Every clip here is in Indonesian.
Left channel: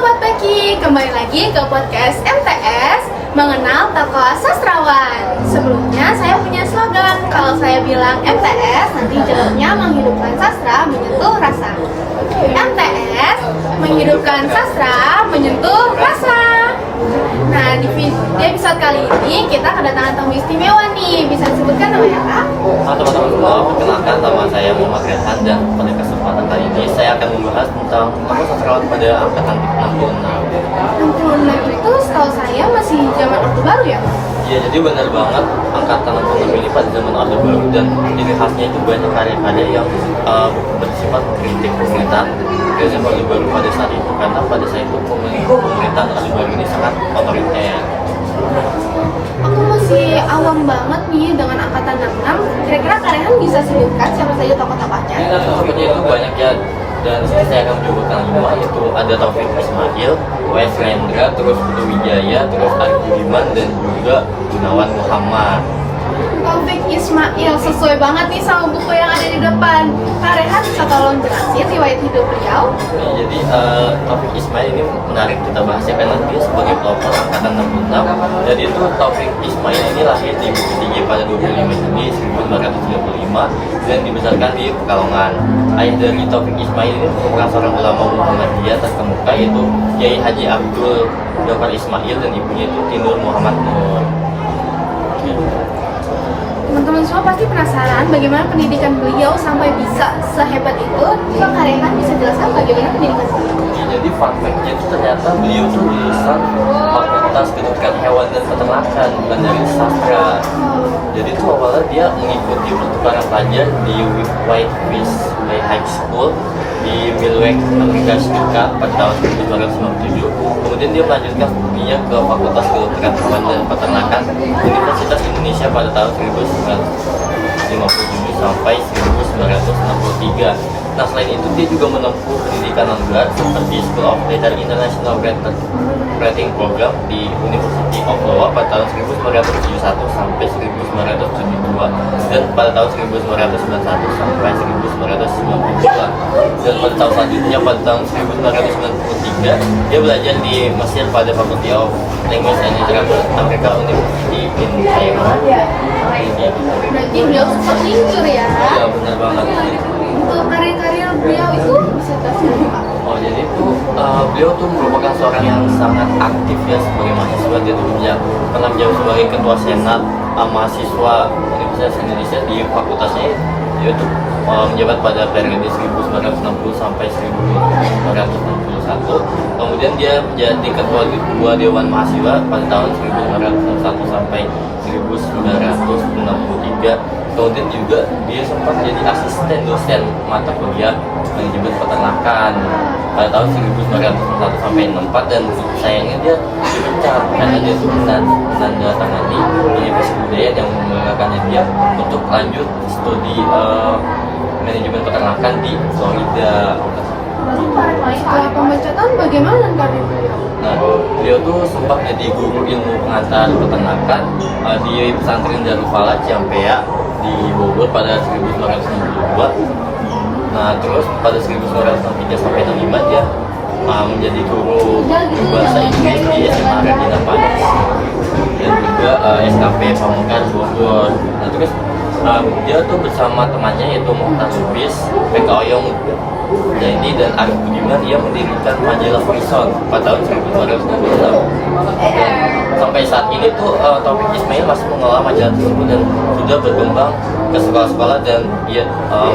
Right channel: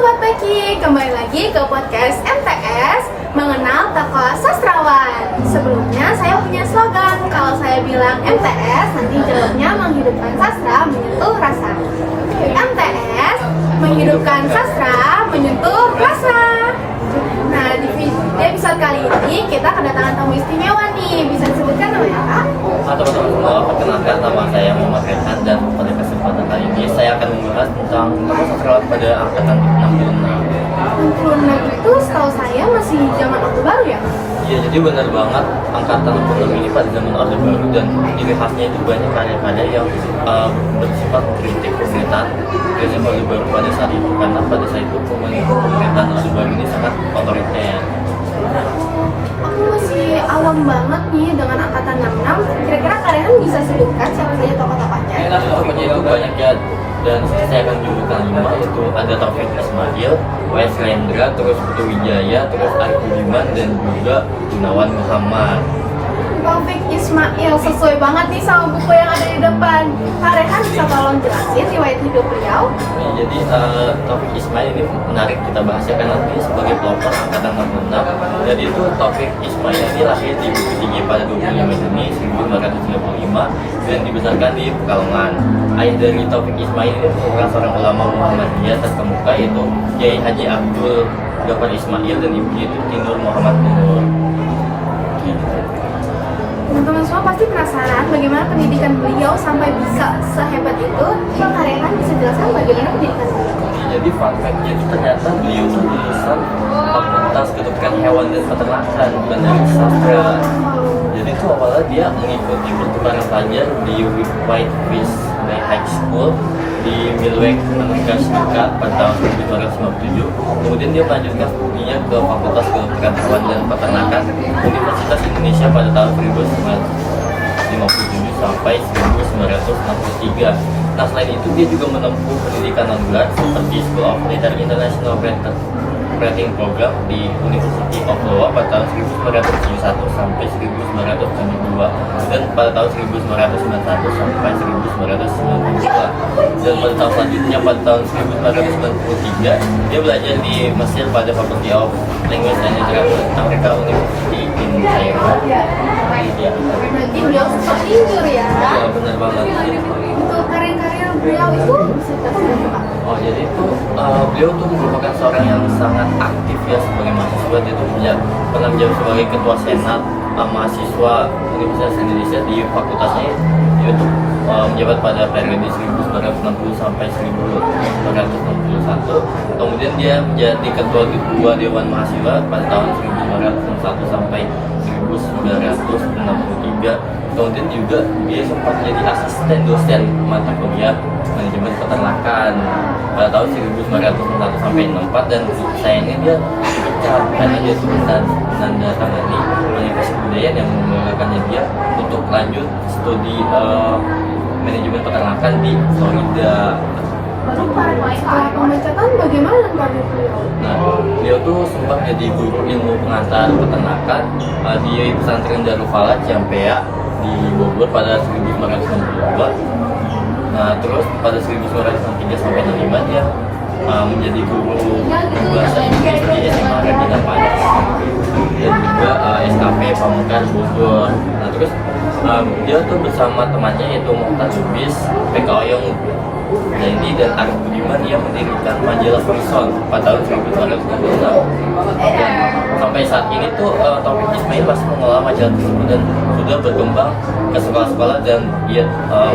Sobat Peki, kembali lagi ke podcast MTS Mengenal Tokoh Sastrawan. Sebelumnya saya punya slogan, kalau saya bilang MTS, nanti jawabnya menghidupkan sastra, menyentuh rasa. MTS, menghidupkan sastra, menyentuh rasa. Nah, di episode kali ini kita kedatangan tamu istimewa nih. Bisa disebutkan namanya apa? Teman-teman semua, perkenalkan nama saya Muhammad Rehan, dan pada kesempatan kali ini saya akan membahas tentang tokoh sastrawan pada angkatan 66. 66 itu setahu saya masih zaman Orde Baru ya? Iya, jadi benar banget angkatan 66 ini pada zaman Orde Baru, dan ciri khasnya itu banyak karya-karya yang bersifat kritik pemerintahan rezim Orde Baru pada saat itu, karena pada saat itu pemerintahan Orde Baru ini sangat otoriter. Aku masih awam banget nih dengan angkatan 66. Kira-kira kalian bisa sebutkan siapa saja tokoh-tokohnya? Tokohnya itu banyak ya, dan saya akan menyebutkan 5, yaitu ada Taufik Ismail, W.S. Rendra, terus Putu Wijaya, terus Arif Budiman, dan juga Gunawan Muhammad. Taufik Ismail, sesuai banget nih sama buku yang ada di depan. Kak Rehan bisa tolong jelasin riwayat hidup beliau? Jadi Taufik Ismail ini menarik kita bahas ya, karena dia sebagai pelopor angkatan 66. Jadi itu Taufik Ismail ini lahir di Bukit Tinggi pada 25 Juni 1935 dan dibesarkan di Pekalongan. Ayah dari Taufik Ismail ini merupakan seorang ulama Muhammadiyah terkemuka, yaitu Kiai Haji Abdul Ghaffar Ismail, dan ibunya itu Tinur Muhammad Nur. Teman-teman semua pasti penasaran bagaimana pendidikan beliau sampai bisa sehebat itu. Coba Kak Rehan bisa jelaskan bagaimana pendidikan beliau? Jadi fun fact-nya itu ternyata beliau tuh lulusan Fakultas Kedokteran Hewan dan Peternakan, bukan dari sastra. Jadi tuh awalnya dia mengikuti pertukaran pelajar di Whitefish Bay High School di Milwaukee, Amerika Serikat pada tahun 1957. Kemudian dia melanjutkan studinya ke Fakultas Kedokteran Hewan dan Peternakan Universitas Indonesia pada tahun 1957 sampai 1963. Nah, selain itu dia juga menempuh pendidikan non-gelar seperti School of Letters International Writing Program di University of Iowa pada tahun 1971 sampai 1972, dan pada tahun 1991 sampai 1992. Dan pada tahun selanjutnya, pada tahun 1993, dia belajar di Mesir pada Faculty of Language and Literature America University in Cairo. Berarti beliau super tinjur ya? Iya, benar banget. Untuk karya-karya beliau itu bisa terjadi Pak? Oh, jadi itu beliau tuh merupakan seorang yang sangat aktif ya sebagai mahasiswa. Dia tuh pernah menjadi sebagai ketua senat mahasiswa Universitas Indonesia di fakultasnya, yaitu menjabat pada periode 1960 sampai 1961. Kemudian dia menjadi ketua Dewan Mahasiswa pada tahun 1961 sampai 1963. Kemudian juga dia sempat jadi asisten dosen mata kuliah manajemen peternakan pada tahun 1961 sampai 64, dan sayangnya dia dipecat karena dia tuh menandatangani manifest kebudayaan yang membanggakannya dia untuk lanjut studi manajemen peternakan di Florida. Setelah pemecatan bagaimana karir beliau? Nah, beliau tuh sempat jadi guru ilmu pengantar peternakan di pesantren Darul Falah Ciampea di Bogor pada 1962. Nah, terus pada 1963 sampai 65 dia menjadi guru bahasa Inggris di SMA Radina Padas dan juga SKP Pamungkas Bogor. Nah, terus dia tuh bersama temannya yaitu Muhtar Lubis, PK Oyong Zaini, dan Arif Budiman, ia mendirikan majalah Horizon pada tahun 1966. Dan sampai saat ini tuh Taufik Ismail masih mengelola majalah tersebut dan sudah berkembang ke sekolah-sekolah, dan dia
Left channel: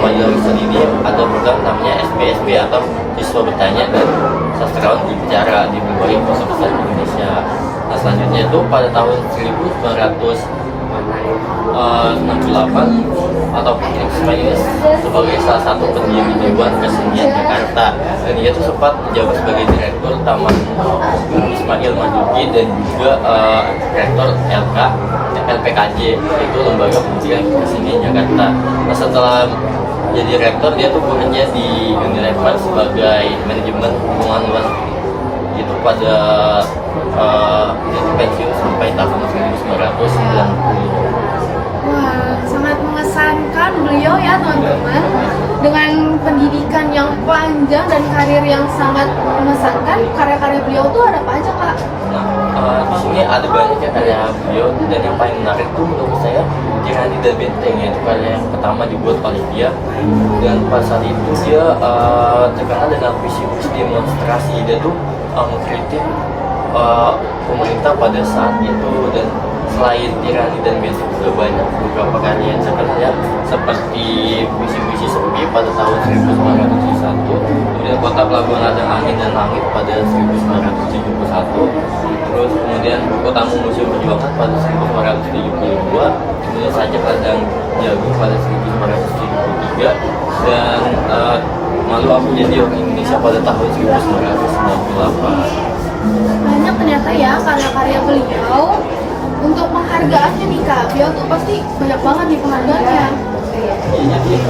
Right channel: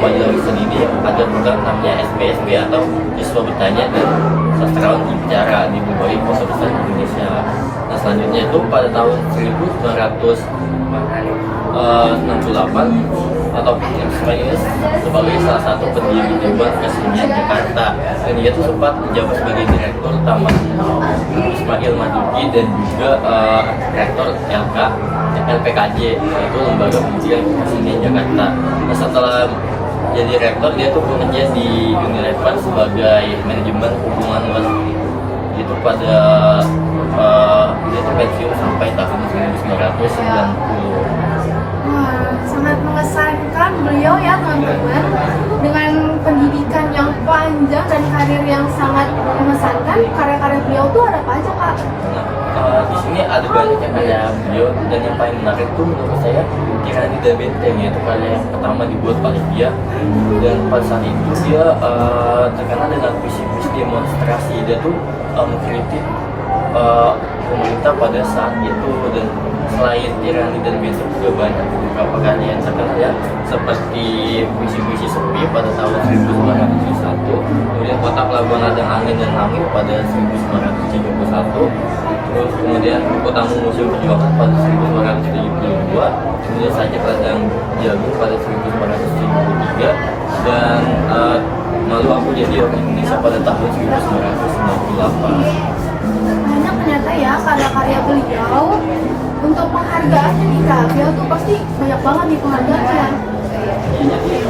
majalah Horizon ini ada program namanya SBSB atau Siswa Bertanya dan Sastrawan Bicara di berbagai kota besar di Indonesia. Nah, selanjutnya itu pada tahun 1968 Taufik Ismail ini sebagai salah satu pendiri Dewan Kesenian Jakarta, dan dia tuh sempat menjabat sebagai direktur Taman Ismail Marzuki dan juga rektor LPKJ, yaitu Lembaga Pendidikan Kesenian Jakarta. Nah, setelah jadi rektor, dia tuh bekerja di Unilever sebagai manajemen hubungan luar itu pada dia tuh pensiun sampai tahun 1990. Wah, sangat mengesankan beliau ya teman-teman. dengan pendidikan yang panjang dan karir yang sangat mengesankan, karya-karya beliau tuh ada apa aja Kak? Nah, di sini ada banyak ya karya beliau, dan yang paling menarik tuh menurut saya Tirani dan Benteng, yaitu karya yang pertama dibuat oleh dia. Dan pada saat itu dia terkenal dengan visi-visi demonstrasi. Dia tuh mengkritik pemerintah pada saat itu. Dan selain Tirani dan Benteng juga banyak beberapa karya yang terkenal ya, seperti Puisi-puisi Sepi pada tahun 1971, kemudian Kota Pelabuhan Ladang Angin dan Langit pada 1971, terus kemudian Buku Tamu Museum Perjuangan pada 1972, kemudian Sajak Ladang Jagung pada 1973, dan Malu Aku Jadi Orang Indonesia pada tahun 1998. Banyak ternyata ya karya-karya beliau. Untuk penghargaannya nih Kak, beliau tuh pasti banyak banget nih penghargaannya. Ya, jadi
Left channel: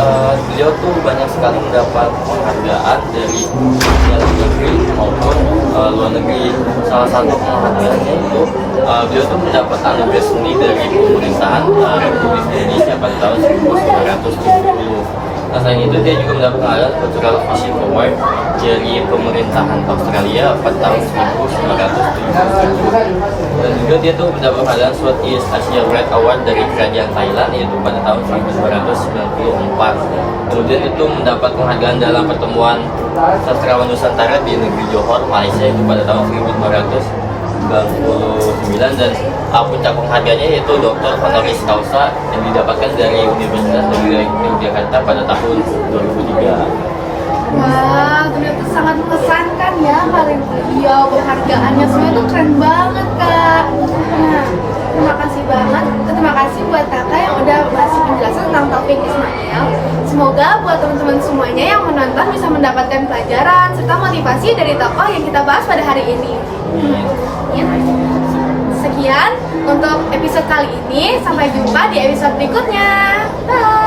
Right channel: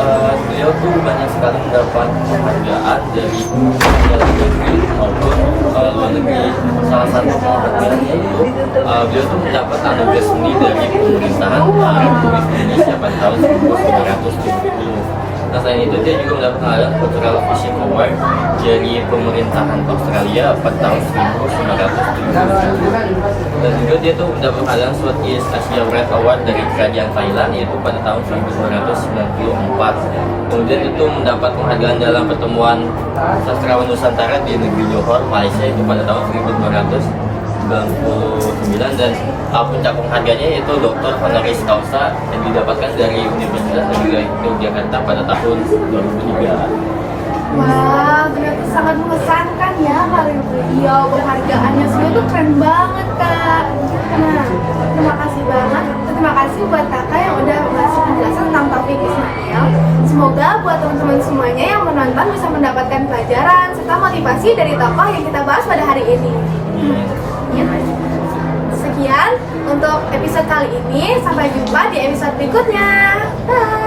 beliau tuh banyak sekali mendapat penghargaan dari dalam negeri maupun luar negeri. Salah satu penghargaannya itu beliau tuh mendapat anugerah seni dari pemerintahan Republik Indonesia pada tahun 1970. Nah, selain itu dia juga mendapat penghargaan Cultural Vision Award dari pemerintahan Australia pada tahun 1977. Dan juga dia tuh mendapat penghargaan Southeast Asia Red Award dari kerajaan Thailand, yaitu pada tahun 1994. Kemudian itu mendapat penghargaan dalam pertemuan sastrawan Nusantara di negeri Johor, Malaysia, itu pada tahun 1999. Dan puncak penghargaannya yaitu Dr. Honoris Causa yang didapatkan dari Universitas Negeri Yogyakarta pada tahun 2003. Wah, ternyata sangat mengesankan ya karir beliau, penghargaannya semua itu keren banget Kak. Nah, terima kasih banget, terima kasih buat Kakak yang udah ngasih penjelasan tentang Taufik Ismail. Semoga buat teman-teman semuanya yang menonton bisa mendapatkan pelajaran serta motivasi dari tokoh yang kita bahas pada hari ini. Sekian untuk episode kali ini, sampai jumpa di episode berikutnya. Bye.